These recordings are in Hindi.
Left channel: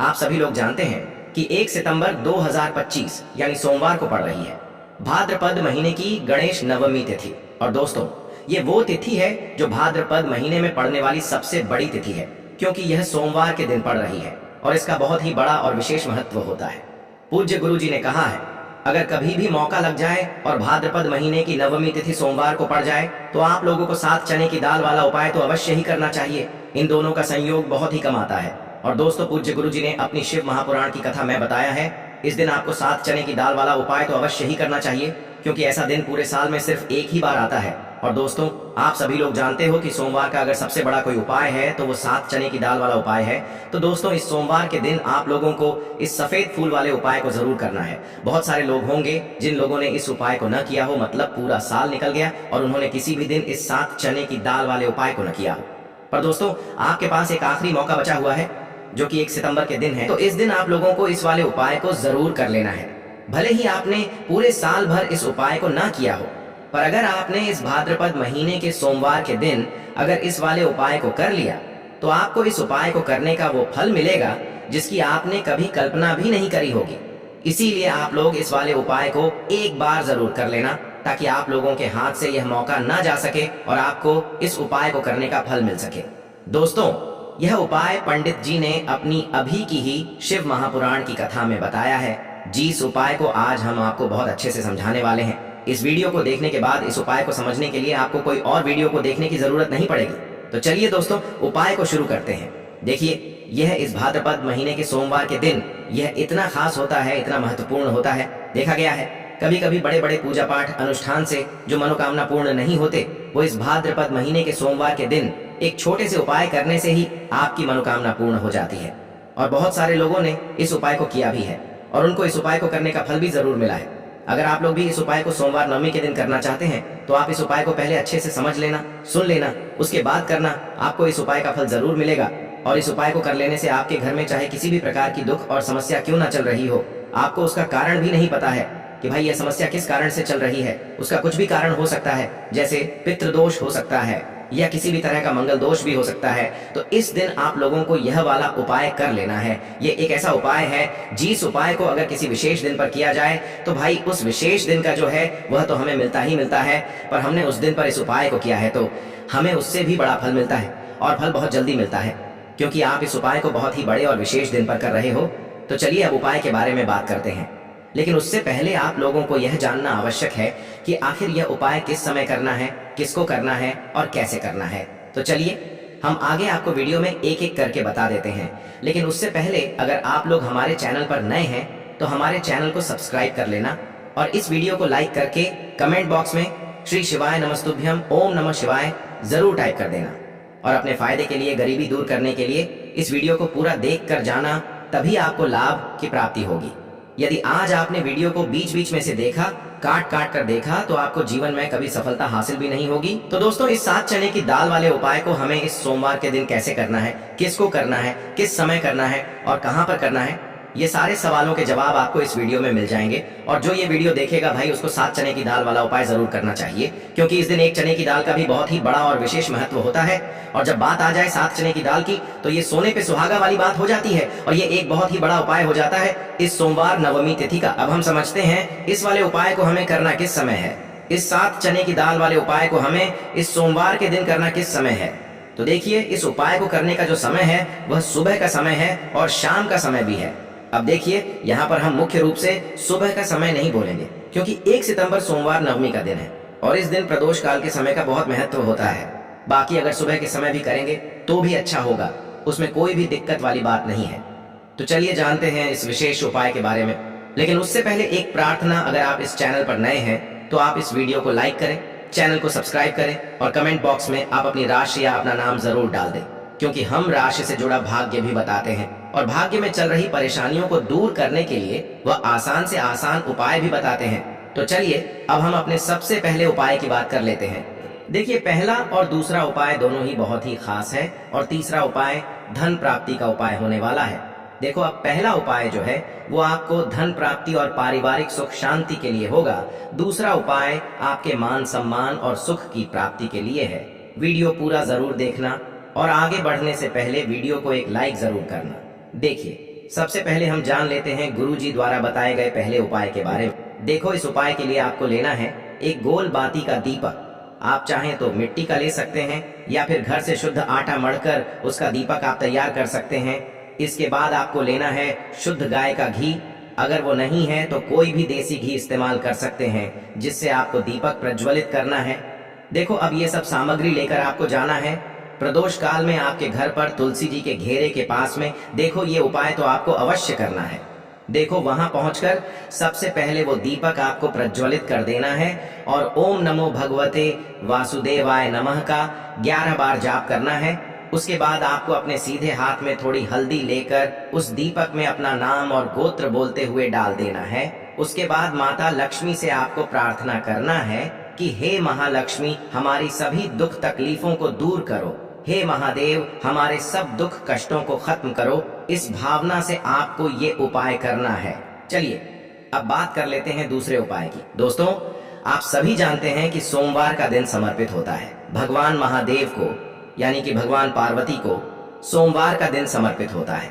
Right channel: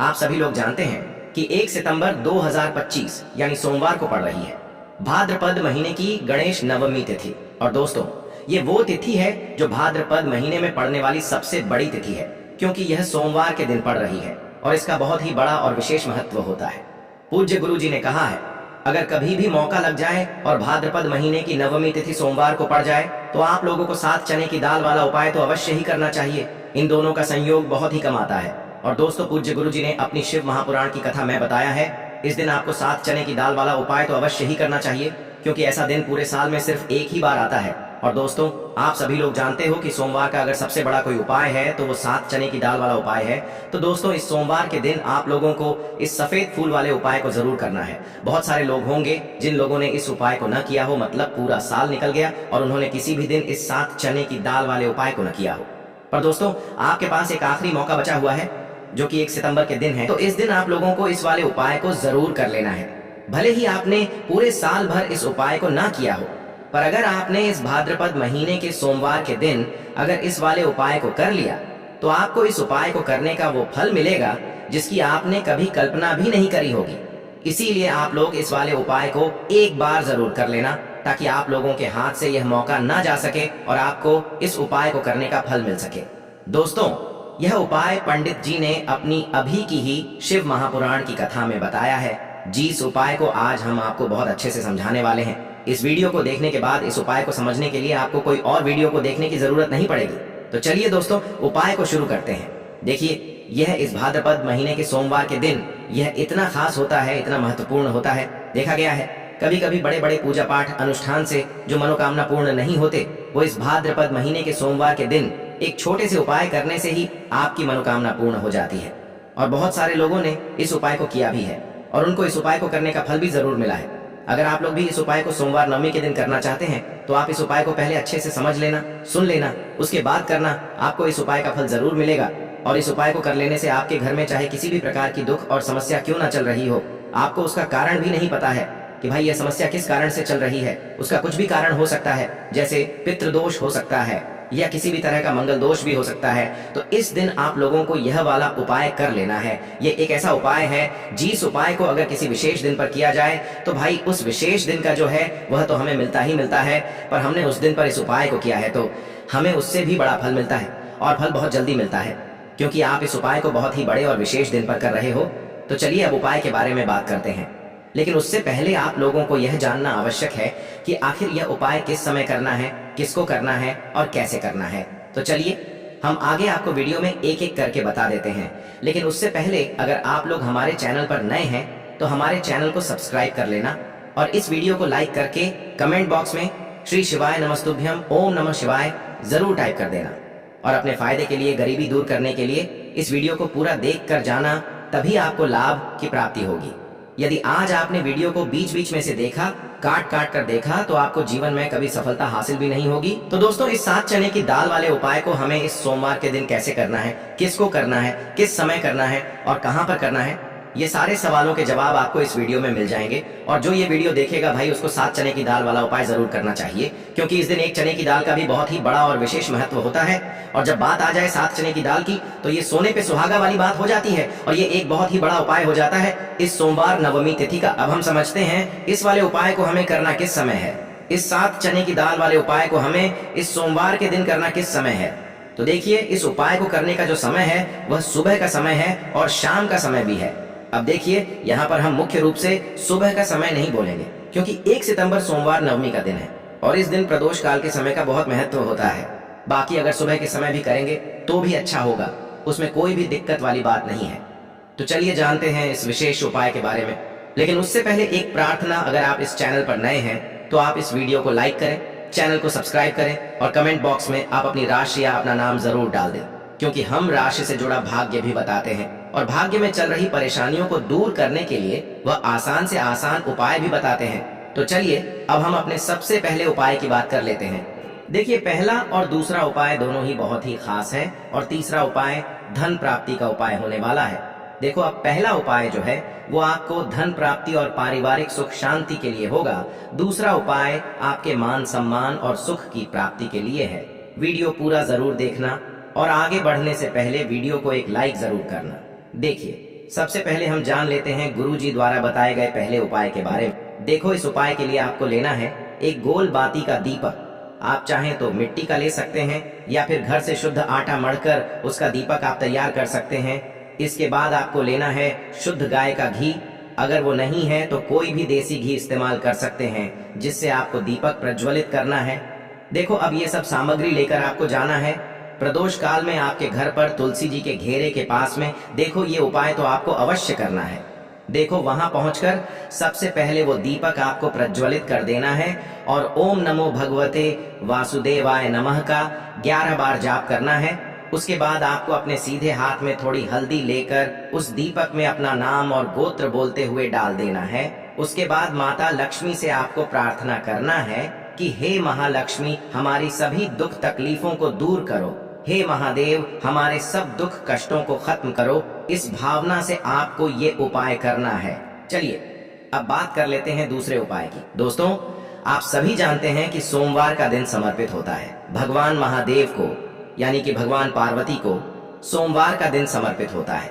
आप सभी लोग जानते हैं कि 1 सितंबर 2025 यानी सोमवार को पड़ रही है भाद्रपद महीने की गणेश नवमी तिथि। और दोस्तों, ये वो तिथि है जो भाद्रपद महीने में पड़ने वाली सबसे बड़ी तिथि है, क्योंकि यह सोमवार के दिन पड़ रही है और इसका बहुत ही बड़ा और विशेष महत्व होता है। पूज्य गुरु जी ने कहा है, अगर कभी भी मौका लग जाए और भाद्रपद महीने की नवमी तिथि सोमवार को पड़ जाए तो आप लोगों को 7 चने की दाल वाला उपाय तो अवश्य ही करना चाहिए। इन दोनों का संयोग बहुत ही कम आता है। और दोस्तों, पूज्य गुरु जी ने अपनी शिव महापुराण की कथा में बताया है, इस दिन आपको 7 चने की दाल वाला उपाय तो अवश्य ही करना चाहिए, क्योंकि ऐसा दिन पूरे साल में सिर्फ एक ही बार आता है। और दोस्तों, आप सभी लोग जानते हो कि सोमवार का अगर सबसे बड़ा कोई उपाय है तो वो 7 चने की दाल वाला उपाय है। तो दोस्तों, इस सोमवार के दिन आप लोगों को इस सफेद फूल वाले उपाय को जरूर करना है। बहुत सारे लोग होंगे जिन लोगों ने इस उपाय को न किया हो, मतलब पूरा साल निकल गया और उन्होंने किसी भी दिन इस 7 चने की दाल वाले उपाय को न किया हो। पर दोस्तों, आपके पास एक आखिरी मौका बचा हुआ है, जो कि 1 सितंबर के दिन है। तो इस दिन आप लोगों को इस वाले उपाय को जरूर कर लेना है। भले ही आपने पूरे साल भर इस उपाय को ना किया हो, पर अगर आपने इस भाद्रपद महीने के सोमवार के दिन अगर इस वाले उपाय को कर लिया तो आपको इस उपाय को करने का वो फल मिलेगा जिसकी आपने कभी कल्पना भी नहीं करी होगी। इसीलिए आप लोग इस वाले उपाय को एक बार जरूर कर लेना, ताकि आप लोगों के हाथ से यह मौका ना जा सके और आपको इस उपाय को करने का फल मिल सके। दोस्तों, यह उपाय पंडित जी ने अपनी अभी की ही शिव महापुराण की कथा में बताया है। जिस उपाय को आज हम आपको बहुत अच्छे से समझाने वाले हैं। इस वीडियो को देखने के बाद इस उपाय को समझने के लिए आपको कोई और वीडियो को देखने की जरूरत नहीं पड़ेगी। तो चलिए दोस्तों, उपाय को शुरू करते हैं। देखिए, यह इस भाद्रपद महीने के सोमवार के दिन यह इतना खास होता है, इतना महत्वपूर्ण होता है। देखा गया है कभी कभी बड़े बड़े पूजा पाठ अनुष्ठान से जो मनोकामना पूर्ण नहीं होते, वो इस भाद्रपद महीने के सोमवार के दिन एक छोटे से उपाय करने से ही आपकी मनोकामना पूर्ण हो जाती है। और बहुत सारे लोगों ने इस उपाय को किया भी है और उनको इस उपाय को करने का फल भी जरूर मिला है। अगर आप लोग भी इस उपाय को सोमवार नवमी के दिन करना चाहते हैं तो आप इस उपाय को पहले अच्छे से समझ लेना, सुन लेना, उसके बाद करना। आपको इस उपाय का फल जरूर मिलेगा। और इस उपाय को कर लेने से आपके घर में चाहे किसी भी प्रकार की दुख और समस्या क्यों ना चल रही हो, आपको उसका कारण भी नहीं पता है कि भाई यह समस्या किस कारण से चल रही है, उसका कुछ भी कारण हो सकता है, जैसे पितृदोष हो सकता है या किसी भी तरह का मंगल दोष भी हो सकता है। तो इस दिन आप लोगों को यह वाला उपाय कर लेना है। ये एक ऐसा उपाय है जिस उपाय को अगर किसी विशेष दिन पर किया जाए तो भाई उस विशेष दिन का जो है वह तो हमें मिलता ही मिलता है, पर हमने उस दिन पर इस उपाय को किया है तो हमें उससे भी बड़ा फल मिलता है और फल बहुत जल्दी मिलता है, क्योंकि आप इस उपाय को बहुत ही बड़े और विशेष दिन पर कर रहे हो। तो चलिए अब उपाय के बारे में बात करते हैं। लेकिन उससे पहले आप लोगों को यह जानना आवश्यक है कि आखिर यह उपाय किस समय करना है, किसको करना है और कैसे करना है। तो चलिए हम आगे आपको वीडियो में एक एक करके बता देते हैं। लेकिन उससे पहले अगर आप लोग हमारे चैनल पर नए हैं तो हमारे चैनल को सब्सक्राइब कर लेना और इस वीडियो को लाइक करके कमेंट बॉक्स में श्री शिवाय नमस्तुभ्यम ओम नमः शिवाय जरूर टाइप कर देना। और अपने फायदे के लिए, गरीबी दूर करने के लिए इस वीडियो को पूरा देख कर जाना, तभी आपको लाभ की प्राप्ति होगी। यदि आज आपने वीडियो को बीच बीच में से देखा, काट काट कर देखा, तो आपको जीवन में कभी सफलता हासिल भी नहीं होगी। तो दोस्तों, इस 7 चने की दाल वाले उपाय को हमें इस सोमवार के दिन कैसे करना है, किसको करना है, किस समय करना है और कहां पर करना है, ये सारे सवालों के जवाब आपको इस वीडियो में मिल जाएंगे। और जो ये वीडियो देखेगा भाई, उसको 7 चने की दाल वाला उपाय जरूर करना चाहिए, क्योंकि इस दिन 1 चने की दाल का भी बहुत ही बड़ा और विशेष महत्व होता है। और जब बात आ जाए 7 चने की दाल की तो ये सोने पे सुहागा वाली बात हो जाती है और ये एक बहुत ही बड़ा उपाय हो जाता है इस सोमवार नवमी तिथि का। अब हम समझते हैं इस वाले उपाय को हमें करना किस समय है। इस 7 चने की दाल वाले उपाय को हमें इस सोमवार के दिन करना किस समय है। तो देखिए, इस उपाय को करने का जो समय है वह सुबह का समय है और शाम का समय भी है। अब देखिए, यहाँ पर हम मुख्य रूप से सुबह का समय नहीं बोलेंगे, क्योंकि 1 सितंबर सोमवार नवमी का दिन है और इस दिन प्रदोष काल के समय का बहुत महत्व होता है। बाकी अगर सुबह के समय भी करेंगे तो भी अच्छा होगा, उसमें कोई भी दिक्कत वाली बात नहीं है। तो चलिए जानते हैं इस विशेष उपाय के बारे में। लेकिन उससे पहले एक प्रार्थना, अगर आप इस चैनल पर नए हैं तो आप इस वीडियो को लाइक करें, चैनल को सब्सक्राइब करें और कमेंट बॉक्स में आप अपनी राशि या अपना नाम जरूर डाल दें, क्योंकि हम राशि से जुड़ा भाग्य भी बताते हैं और भाग्य में चल रही परेशानियों को दूर करने के लिए वह आसान से आसान उपाय भी बताते हैं। तो चलिए अब हम अपने सबसे पहले उपाय की बात कर लेते हैं। देखिए, पहला और दूसरा उपाय दोनों ही बहुत ही खास है और तीसरा उपाय धन प्राप्ति का उपाय होने वाला है। देखो, अब पहला उपाय जो है वो आपको धन प्राप्ति और पारिवारिक सुख शांति के लिए होगा। दूसरा उपाय आपके मान सम्मान और सुख की प्राप्ति के लिए है। वीडियो पूरा जरूर देखना और आगे बढ़ने से पहले वीडियो को एक लाइक जरूर करना। देखिए, सबसे पहले हम जान लेते हैं गुरुजी द्वारा बताए गए पहले उपाय के बारे में। देखो, इस उपाय के लिए आपको लेना है एक गोल बाती का दीपक। आप चाहें तो मिट्टी का ले सकते हैं या फिर घर से शुद्ध आटा मढ़कर उसका दीपक आप तैयार कर सकते हैं। इसके बाद आपको लेना है शुद्ध गाय का घी। अगर वो नहीं है तो कोई भी देसी घी इस्तेमाल कर सकते हैं, जिससे आपको दीपक प्रज्वलित करना है। देखो, अब ये सब सामग्री लेकर आपको जाना है प्रदोष काल में आपके घर पर तुलसी जी के घेरे के पास में। देखो, ये उपाय तो आपको अवश्य करना है। देखो, वहां पहुंचकर सबसे पहले वो दीपक आपको प्रज्वलित कर देना है और ओम नमो भगवते वासुदेवाय नमः का 11 बार जाप करना है। उसके बाद आपको अपने सीधे हाथ में थोड़ी हल्दी लेकर उस दीपक में अपना नाम और गोत्र बोलते हुए डाल देना है। उसके बाद माता लक्ष्मी से आपको प्रार्थना करना है कि हे महालक्ष्मी, हमारी सभी दुख तकलीफों को दूर करो। हे महादेव, हमारे सब दुख कष्टों को खत्म करो। इस भावना से आपको ये उपाय करना है। चलिए, अब बात कर लेते हैं दूसरे उपाय की। दोस्तों, आप सभी जानते हैं कि सोमवार का दिन समर्पित होता है भगवान महादेव को, यानी कि भगवान पार्वती को सोमवार का दिन समर्पित होता है।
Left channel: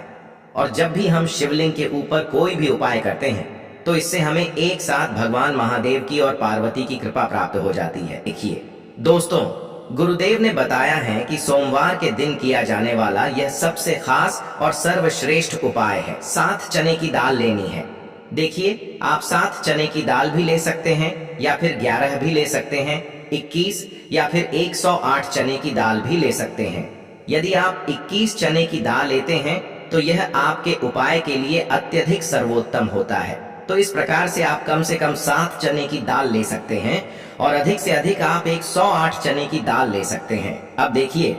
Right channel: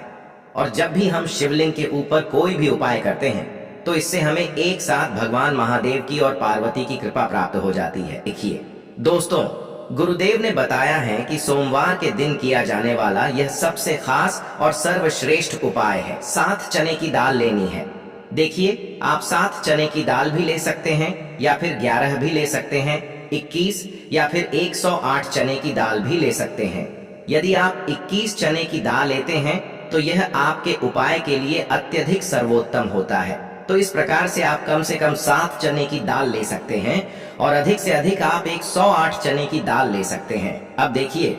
और जब भी हम शिवलिंग के ऊपर कोई भी उपाय करते हैं तो इससे हमें एक साथ भगवान महादेव की और पार्वती की कृपा प्राप्त हो जाती है। देखिए दोस्तों, गुरुदेव ने बताया है कि सोमवार के दिन किया जाने वाला यह सबसे खास और सर्वश्रेष्ठ उपाय है। 7 चने की दाल लेनी है। देखिए, आप 7 चने की दाल भी ले सकते हैं या फिर 11 भी ले सकते हैं, 21 या फिर 108 चने की दाल भी ले सकते हैं। यदि आप 21 चने की दाल लेते हैं तो यह आपके उपाय के लिए अत्यधिक सर्वोत्तम होता है। तो इस प्रकार से आप कम से कम 7 चने की दाल ले सकते हैं और अधिक से अधिक आप 108 चने की दाल ले सकते हैं। अब देखिए,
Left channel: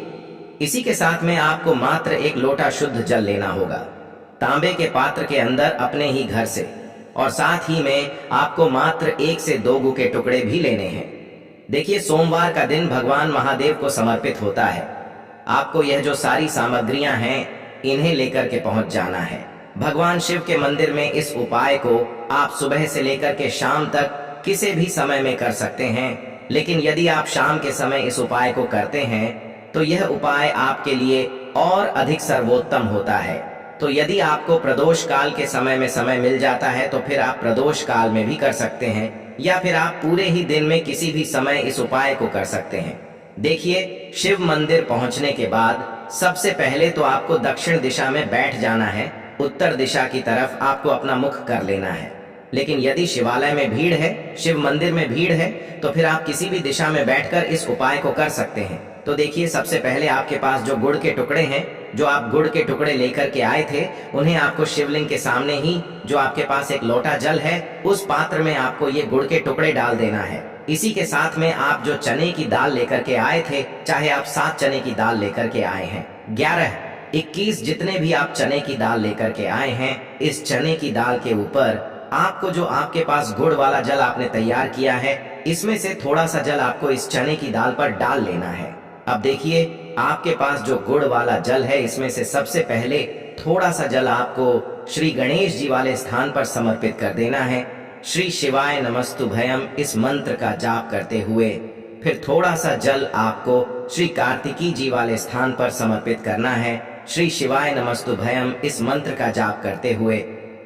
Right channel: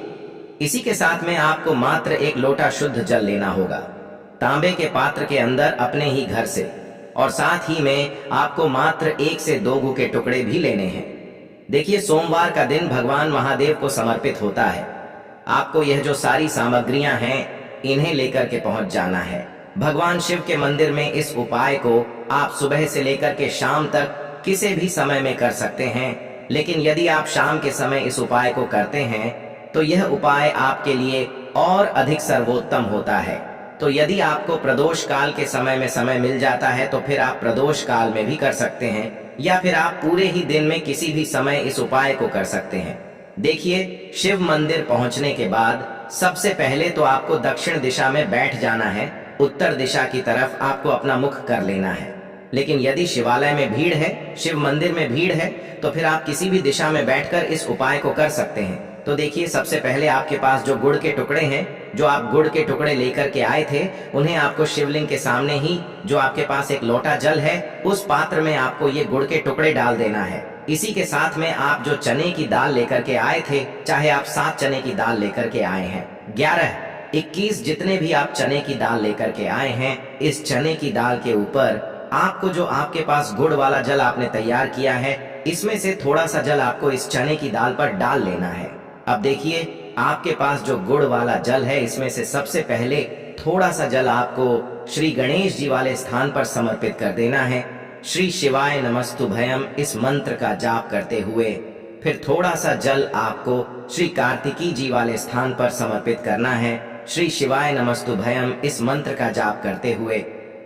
इसी के साथ में आपको मात्र 1 लोटा शुद्ध जल लेना होगा तांबे के पात्र के अंदर अपने ही घर से, और साथ ही में आपको मात्र 1 से 2 गू के टुकड़े भी लेने हैं। देखिए, सोमवार का दिन भगवान महादेव को समर्पित होता है। आपको यह जो सारी सामग्रियां हैं इन्हें लेकर के पहुंच जाना है भगवान शिव के मंदिर में। इस उपाय को आप सुबह से लेकर के शाम तक किसी भी समय में कर सकते हैं, लेकिन यदि आप शाम के समय इस उपाय को करते हैं तो यह उपाय आपके लिए और अधिक सर्वोत्तम होता है। तो यदि आपको प्रदोष काल के समय में समय मिल जाता है तो फिर आप प्रदोष काल में भी कर सकते हैं, या फिर आप पूरे ही दिन में किसी भी समय इस उपाय को कर सकते हैं। देखिए, शिव मंदिर पहुंचने के बाद सबसे पहले तो आपको दक्षिण दिशा में बैठ जाना है। उत्तर दिशा की तरफ आपको अपना मुख कर लेना है। लेकिन यदि शिवालय में भीड़ है, शिव मंदिर में भीड़ है, तो फिर आप किसी भी दिशा में बैठकर इस उपाय को कर सकते हैं। तो देखिए, सबसे पहले आपके पास जो गुड़ के टुकड़े हैं, जो आप गुड़ के टुकड़े लेकर के आए थे, उन्हें आपको शिवलिंग के सामने ही जो आपके पास एक लोटा जल है, उस पात्र में आपको ये गुड़ के टुकड़े डाल देना है। इसी के साथ में आप जो चने की दाल लेकर के आए थे, चाहे आप 7 चने की दाल लेकर के आए हैं, 11, 21 जितने भी आप चने की दाल लेकर के आए हैं, इस चने की दाल के ऊपर आपको जो आपके पास गुड़ वाला जल आपने तैयार किया है, इसमें से थोड़ा सा जल आपको इस चने की दाल पर डाल लेना है। अब देखिए, आपके पास जो गुड़ वाला जल है, इसमें से सबसे पहले थोड़ा सा जल आपको श्री गणेश जी वाले स्थान पर समर्पित कर देना है। श्री शिवाय नमस्तुभयम इस मंत्र का जाप करते हुए फिर थोड़ा सा जल आपको श्री कार्तिकी जी वाले स्थान पर समर्पित करना है। श्री शिवाय नमस्तुभयम इस मंत्र का जाप करते हुए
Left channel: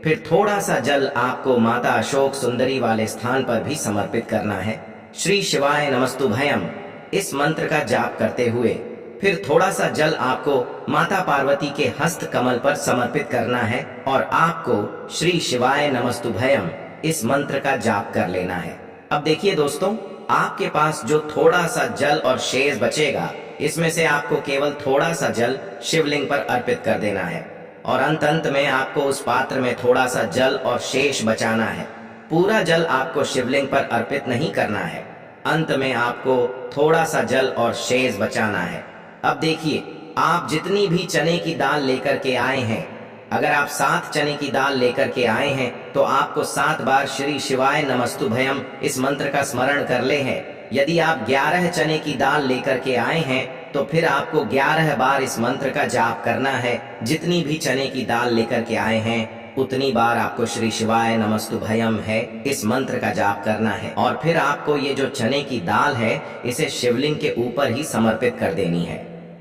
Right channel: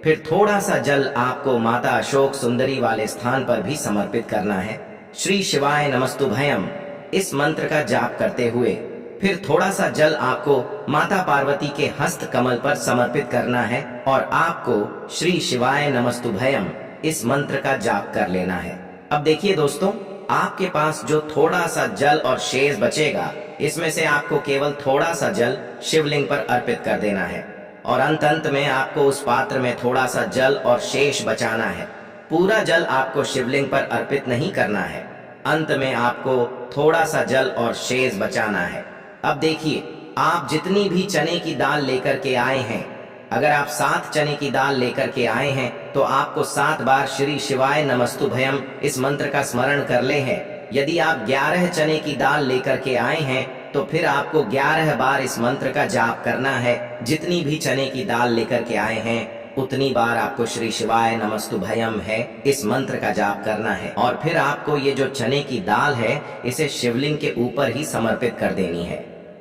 फिर थोड़ा सा जल आपको माता अशोक सुंदरी वाले स्थान पर भी समर्पित करना है। श्री शिवाय नमस्तुभयम इस मंत्र का जाप करते हुए फिर थोड़ा सा जल आपको माता पार्वती के हस्त कमल पर समर्पित करना है और आपको श्री शिवाय नमस्तुभयम इस मंत्र का जाप कर लेना है। अब देखिए दोस्तों, आपके पास जो थोड़ा सा जल और शेष बचेगा, इसमें से आपको केवल थोड़ा सा जल शिवलिंग पर अर्पित कर देना है और अंत में आपको उस पात्र में थोड़ा सा जल और शेष बचाना है। पूरा जल आपको शिवलिंग पर अर्पित नहीं करना है, अंत में आपको थोड़ा सा जल और शेष बचाना है। अब देखिए, आप जितनी भी चने की दाल लेकर के आए हैं, अगर आप 7 चने की दाल लेकर के आए हैं तो आपको 7 बार श्री शिवाय नमस्तुभयम इस मंत्र का स्मरण कर ले है। यदि आप 11 चने की दाल लेकर के आए हैं तो फिर आपको 11 बार इस मंत्र का जाप करना है। जितनी भी चने की दाल लेकर के आए हैं उतनी बार आपको श्री शिवाय नमस्तुभयम है इस मंत्र का जाप करना है और फिर आपको ये जो चने की दाल है इसे शिवलिंग के ऊपर ही समर्पित कर देनी है।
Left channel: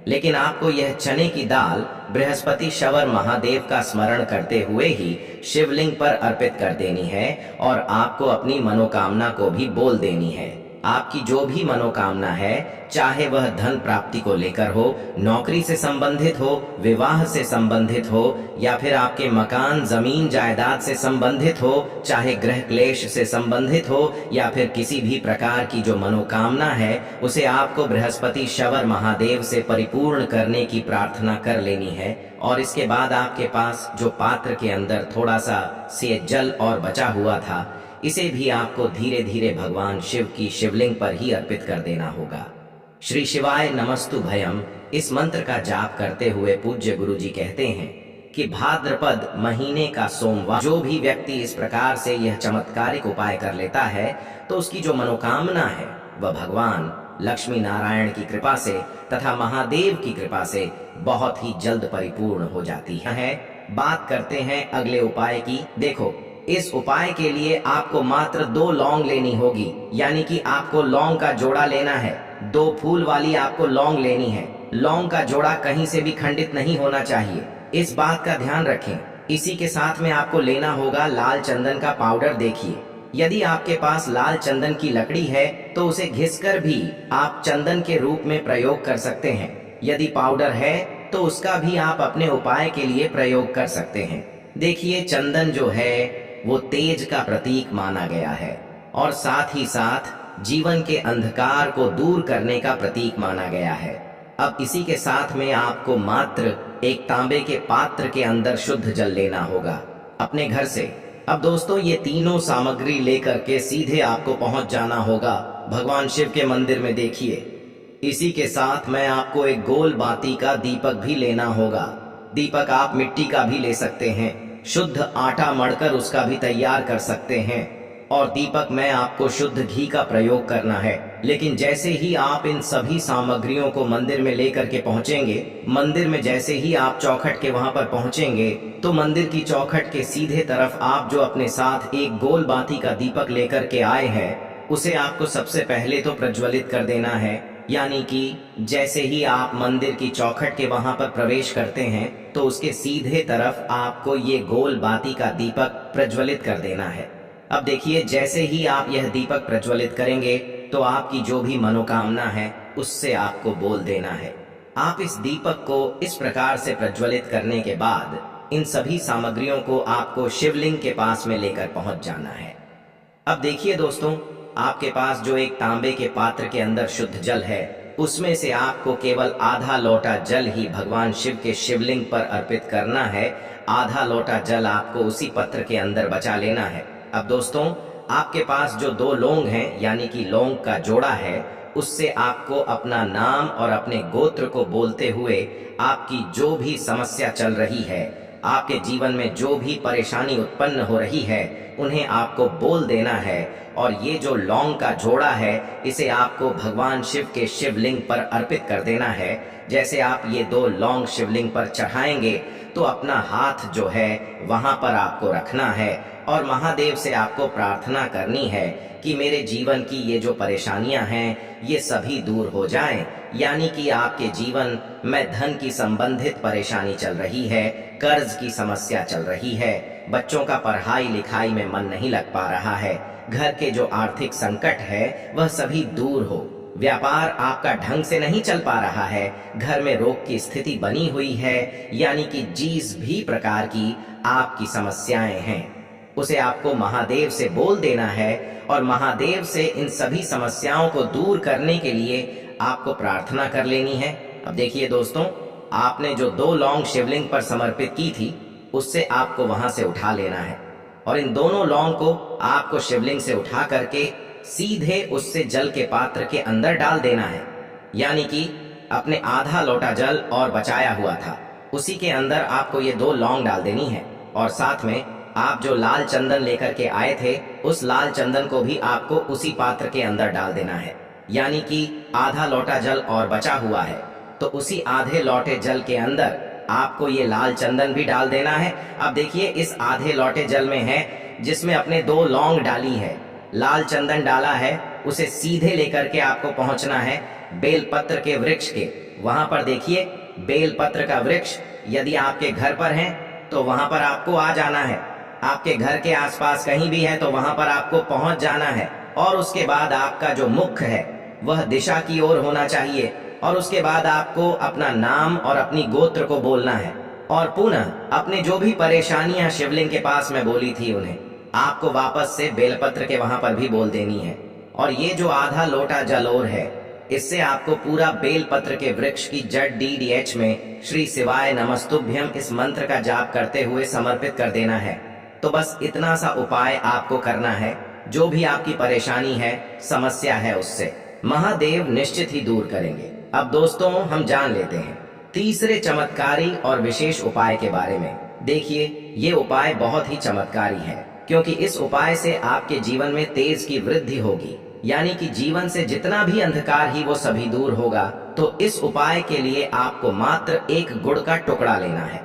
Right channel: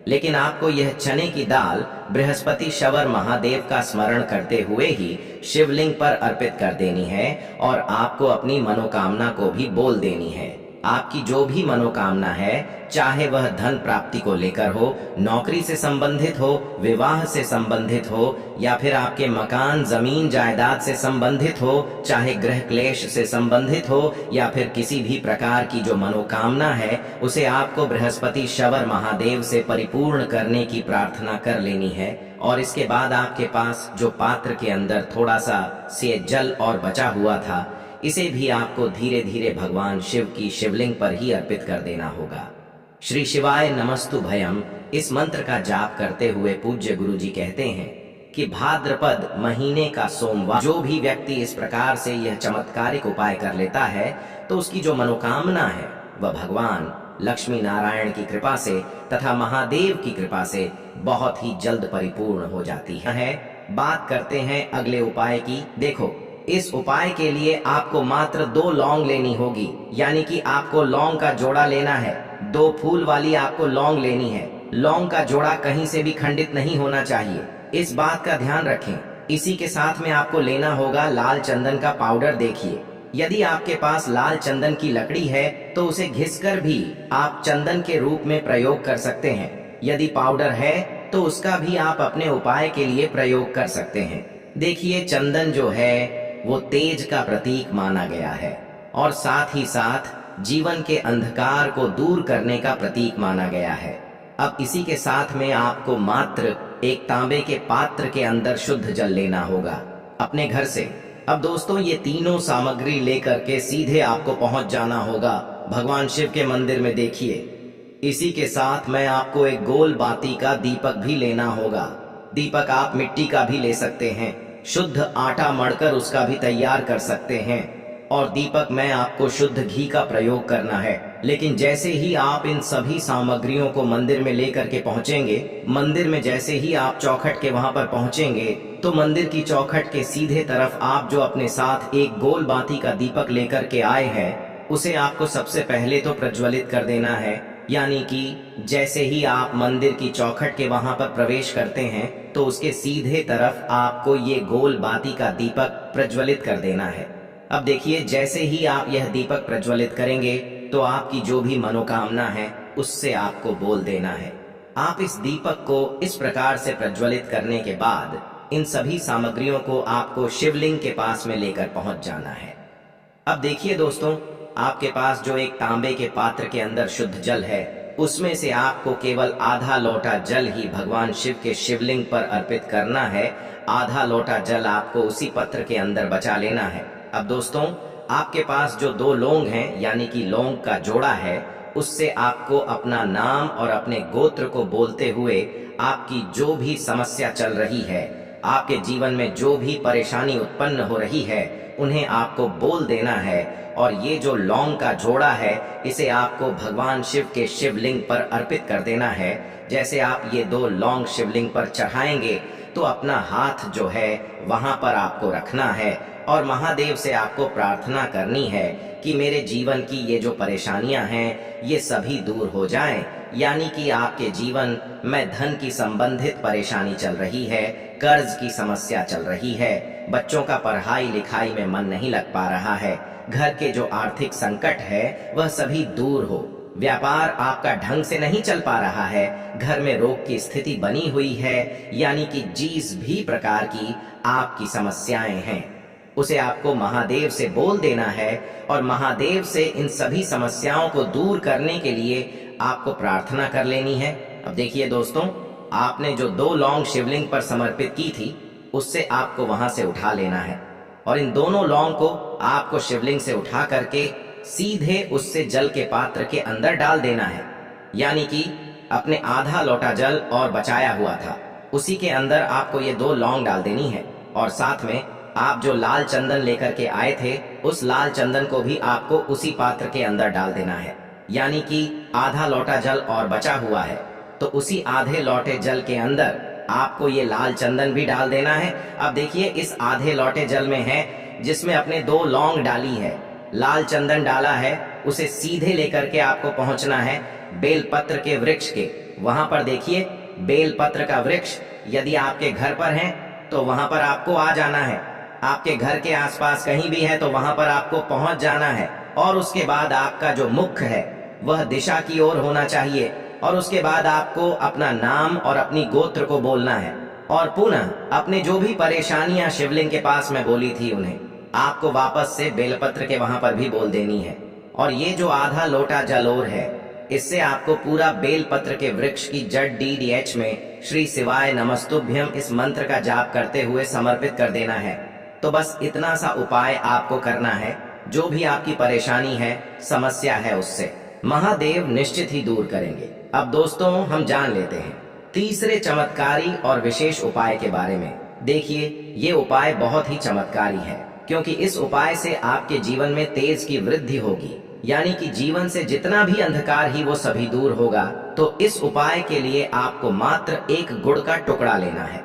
लेकिन आपको यह चने की दाल बृहस्पति शवर महादेव का स्मरण करते हुए ही शिवलिंग पर अर्पित कर देनी है और आपको अपनी मनोकामना को भी बोल देनी है। आपकी जो भी मनोकामना है, चाहे वह धन प्राप्ति को लेकर हो, नौकरी से संबंधित हो, विवाह से संबंधित हो, या फिर आपके मकान जमीन जायदाद से संबंधित हो, चाहे गृह क्लेश से संबंधित हो, या फिर किसी भी प्रकार की जो मनोकामना है, उसे आपको बृहस्पति शवर महादेव से परिपूर्ण करने की प्रार्थना कर लेनी है। और इसके बाद आपके पास जो पात्र के अंदर थोड़ा सा से जल और बचा हुआ था, इसे भी आपको धीरे धीरे भगवान शिव की शिवलिंग पर ही अर्पित कर देना होगा। श्री शिवाय नमस्तु भयम इस मंत्र का जाप करते हुए पूज्य गुरुजी कहते हैं कि भाद्रपद महीने का सोमवार जो भी व्यक्ति इस प्रकार से यह चमत्कारिक उपाय कर लेता है, तो उसकी जो मनोकामना है वह भगवान लक्ष्मी नारायण की कृपा से तथा महादेव की कृपा से बहुत ही जल्द परिपूर्ण हो जाती है। बात करते हैं अगले उपाय की। देखो, इस उपाय के लिए आपको मात्र 2 लौंग लेनी होगी, यानी कि आपको लौंग का जोड़ा लेना है। 2 फूल वाली आपको लौंग लेनी है। लौंग का जोड़ा कहीं से भी खंडित नहीं होना चाहिए, इस बात का ध्यान रखें। इसी के साथ में आपको लेना होगा लाल चंदन का पाउडर। देखिए, यदि आपके पास लाल चंदन की लकड़ी है तो उसे घिसकर भी आप चंदन के रूप में प्रयोग कर सकते हैं। यदि पाउडर है तो उसका भी आप अपने उपाय के लिए प्रयोग कर सकते हैं। देखिए, चंदन जो है वो तेज का प्रतीक माना गया है और साथ ही साथ जीवन के अंधकार को दूर करने का प्रतीक माना गया है। अब इसी के साथ में आपको मात्र एक तांबे के पात्र के अंदर शुद्ध जल लेना होगा अपने घर से। अब दोस्तों, ये तीनों सामग्री लेकर के सीधे आपको पहुंच जाना होगा भगवान शिव के मंदिर में। देखिए, इसी के साथ में आपको एक गोल बाती का दीपक भी लेना होगा। दीपक आप मिट्टी का भी ले सकते हैं, शुद्ध आटा मढ़कर उसका भी तैयार कर सकते हैं, और दीपक में आपको शुद्ध घी का प्रयोग करना है। लेकिन जैसे ही आप इन सभी सामग्रियों को मंदिर में लेकर के पहुंचेंगे, मंदिर में जैसे ही आप चौखट के वहां पर पहुंचेंगे, तो मंदिर की चौखट के सीधे तरफ आप जो अपने साथ एक गोल बाती का दीपक लेकर के आए हैं, उसे आपको सबसे पहले तो प्रज्वलित कर देना है। यानी कि जैसे ही आप मंदिर की चौखट के वहां पर प्रवेश करते हैं, तो उसके सीधे तरफ आपको ये गोल बाती का दीपक प्रज्वलित कर देना है। अब देखिए, जैसे ही आप यह दीपक प्रज्वलित करेंगे, तो आपकी जो भी मनोकामना है उससे आपको बोल देना है। आप इस दीपक को इस प्रकार से प्रज्वलित करने के बाद इन सभी सामग्रियों को आपको शिवलिंग के पास में लेकर पहुंच जाना है। अब देखिए दोस्तों, आपके पास जो एक तांबे के पात्र के अंदर शुद्ध जल है, उसमें से आपको केवल आधा लोटा जल ही भगवान शिव के शिवलिंग पर अर्पित करना है। आधा लोटा जल आपको उसी पत्र के अंदर बचा लेना है। अब दोस्तों, आपके पास जो 2 लौंग हैं, यानी कि लौंग का जोड़ा है, उससे आपको अपना नाम और अपने गोत्र को बोलते हुए आपकी जो भी समस्या चल रही है, आपके जीवन में जो भी परेशानी उत्पन्न हो रही है, उन्हें आपको बोल देना है। और ये जो लौंग का जोड़ा है, इसे आपको भगवान शिव के शिवलिंग पर अर्पित कर देना है। जैसे आप ये 2 लौंग शिवलिंग पर चढ़ाएंगे, तो अपना हाथ जो है वहां पर आपको रखना है और महादेव से आपको प्रार्थना करनी है कि मेरे जीवन की ये जो परेशानियां हैं, ये सभी दूर हो जाएं। यानी कि आपके जीवन में धन की संबंधित परेशानी चल रही है, कर्ज की समस्या चल रही है, बच्चों का पढ़ाई लिखाई में मन नहीं लग पा रहा है, घर के जो आर्थिक संकट है वह सभी दूर हो, व्यापार आपका ढंग से नहीं चल पा रहा है, घर में रोग की स्थिति बनी हुई है, यानी कि जिस भी प्रकार की आपकी समस्याएं हैं, उसे आपको महादेव से बोल देना है और महादेव से इन सभी समस्याओं को दूर करने के लिए आपको प्रार्थना कर लेनी है। अब देखिए दोस्तों, आपने जो 2 लौंग शिवलिंग पर समर्पित की थी, उससे आपको वहां से उठा लेना है और इन दोनों लौंग को आपको शिवलिंग से उठा करके सीधे उससे जल के पात्र के अंदर डाल देना है। यानी कि अपने आधा लोटा जल और बचाया हुआ था, उसी के अंदर आपको ये 2 लौंग डाल देनी है और साथ में आप जो लाल चंदन लेकर के आए थे, उस लाल चंदन को भी आपको उसी पात्र के अंदर डाल देना है। यानी कि आधा लोटा जल और बचा हुआ है, तो उसी आधे लोटे जल के अंदर आपको ये लाल चंदन भी डाल देना है। अब देखिए, इस आधे लोटे जल में है जिसमें अपने 2 लौंग डाली है, लाल चंदन डाला है, उसे सीधे लेकर के आपको पहुंचना है बेलपत्र के वृक्ष के। वहां पर देखिए बेलपत्र का वृक्ष यदि आपके घर पर है तो वहां पर आपको आ जाना है। आपके घर के आसपास कहीं भी है तो वहां पर आपको पहुंच जाना है। और उसके बाद आपका जो मुख है वह दिशा की ओर होना चाहिए। और उसके बाद आपको अपना नाम और अपनी गोत्र को बोलना है। और पुनः अपने जो भी परेशानियां शिवलिंग के पास में बोली थी उन्हें आपको वापस से बेलपत्र के वहां पर भी बोल देनी है। और ये जो आधा लोटा जल और है इससे आपको पूरा बेलपत्र के वृक्ष की जड़ DDH में श्री शिवाय नमस्तुभ्यम इस मंत्र का जाप करते हुए समर्पित कर देना है। तो बस इतना सा उपाय आपको करना है। जो भी आपकी परेशानी है, समस्या है, उससे महादेव निश्चित ही दूर करेंगे। अब दोस्तों हम जान लेते हैं तीसरे चमत्कारी और विशेष उपाय के बारे में। देखिए ये उपाय बहुत ही चमत्कारी है क्योंकि इस उपाय से आपके जीवन में तेज की वृद्धि होगी, यानी कि जीवन से जितना भी अंधकार ही वो सभी दूर होगा। तो इस उपाय के लिए आपको मात्र एक गुड़ का टुकड़ा लेना है।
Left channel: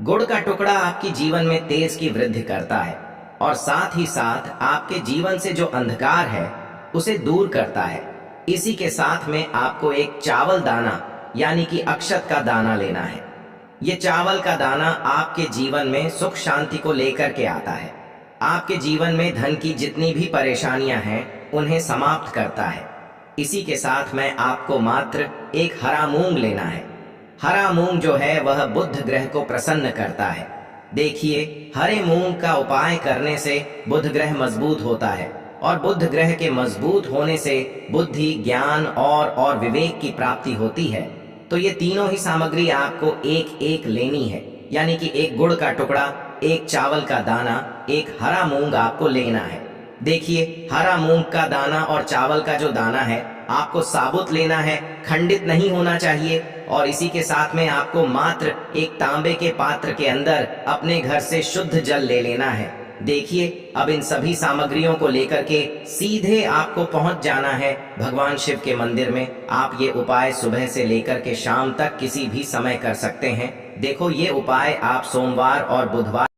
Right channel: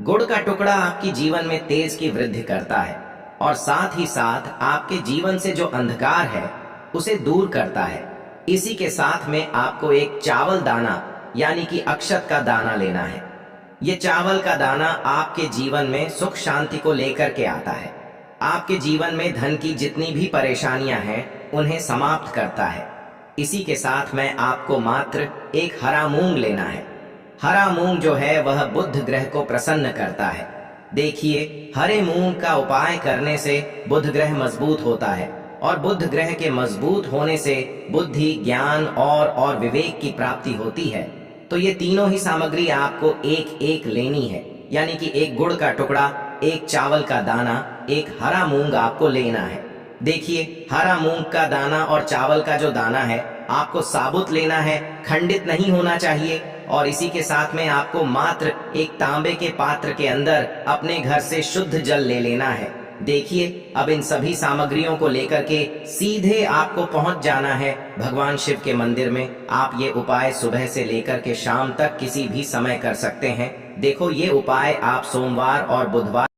गुड़ का टुकड़ा आपकी जीवन में तेज की वृद्धि करता है और साथ ही साथ आपके जीवन से जो अंधकार है उसे दूर करता है। इसी के साथ में आपको एक चावल दाना यानी कि अक्षत का दाना लेना है। ये चावल का दाना आपके जीवन में सुख शांति को लेकर के आता है। आपके जीवन में धन की जितनी भी परेशानियां हैं उन्हें समाप्त करता है। इसी के साथ में आपको मात्र एक हरा मूंग लेना है। हरा मूंग जो है वह बुध ग्रह को प्रसन्न करता है। देखिए हरे मूंग का उपाय करने से बुध ग्रह मजबूत होता है और बुध ग्रह के मजबूत होने से बुद्धि, ज्ञान और विवेक की प्राप्ति होती है। तो ये तीनों ही सामग्री आपको एक एक लेनी है, यानी कि एक गुड़ का टुकड़ा, एक चावल का दाना, एक हरा मूंग आपको लेना है। देखिए हरा मूंग का दाना और चावल का जो दाना है आपको साबुत लेना है, खंडित नहीं होना चाहिए। और इसी के साथ में आपको मात्र एक तांबे के पात्र के अंदर अपने घर से शुद्ध जल ले लेना है। देखिए अब इन सभी सामग्रियों को लेकर के सीधे आपको पहुंच जाना है भगवान शिव के मंदिर में। आप ये उपाय सुबह से लेकर के शाम तक किसी भी समय कर सकते हैं। देखो ये उपाय आप सोमवार और बुधवार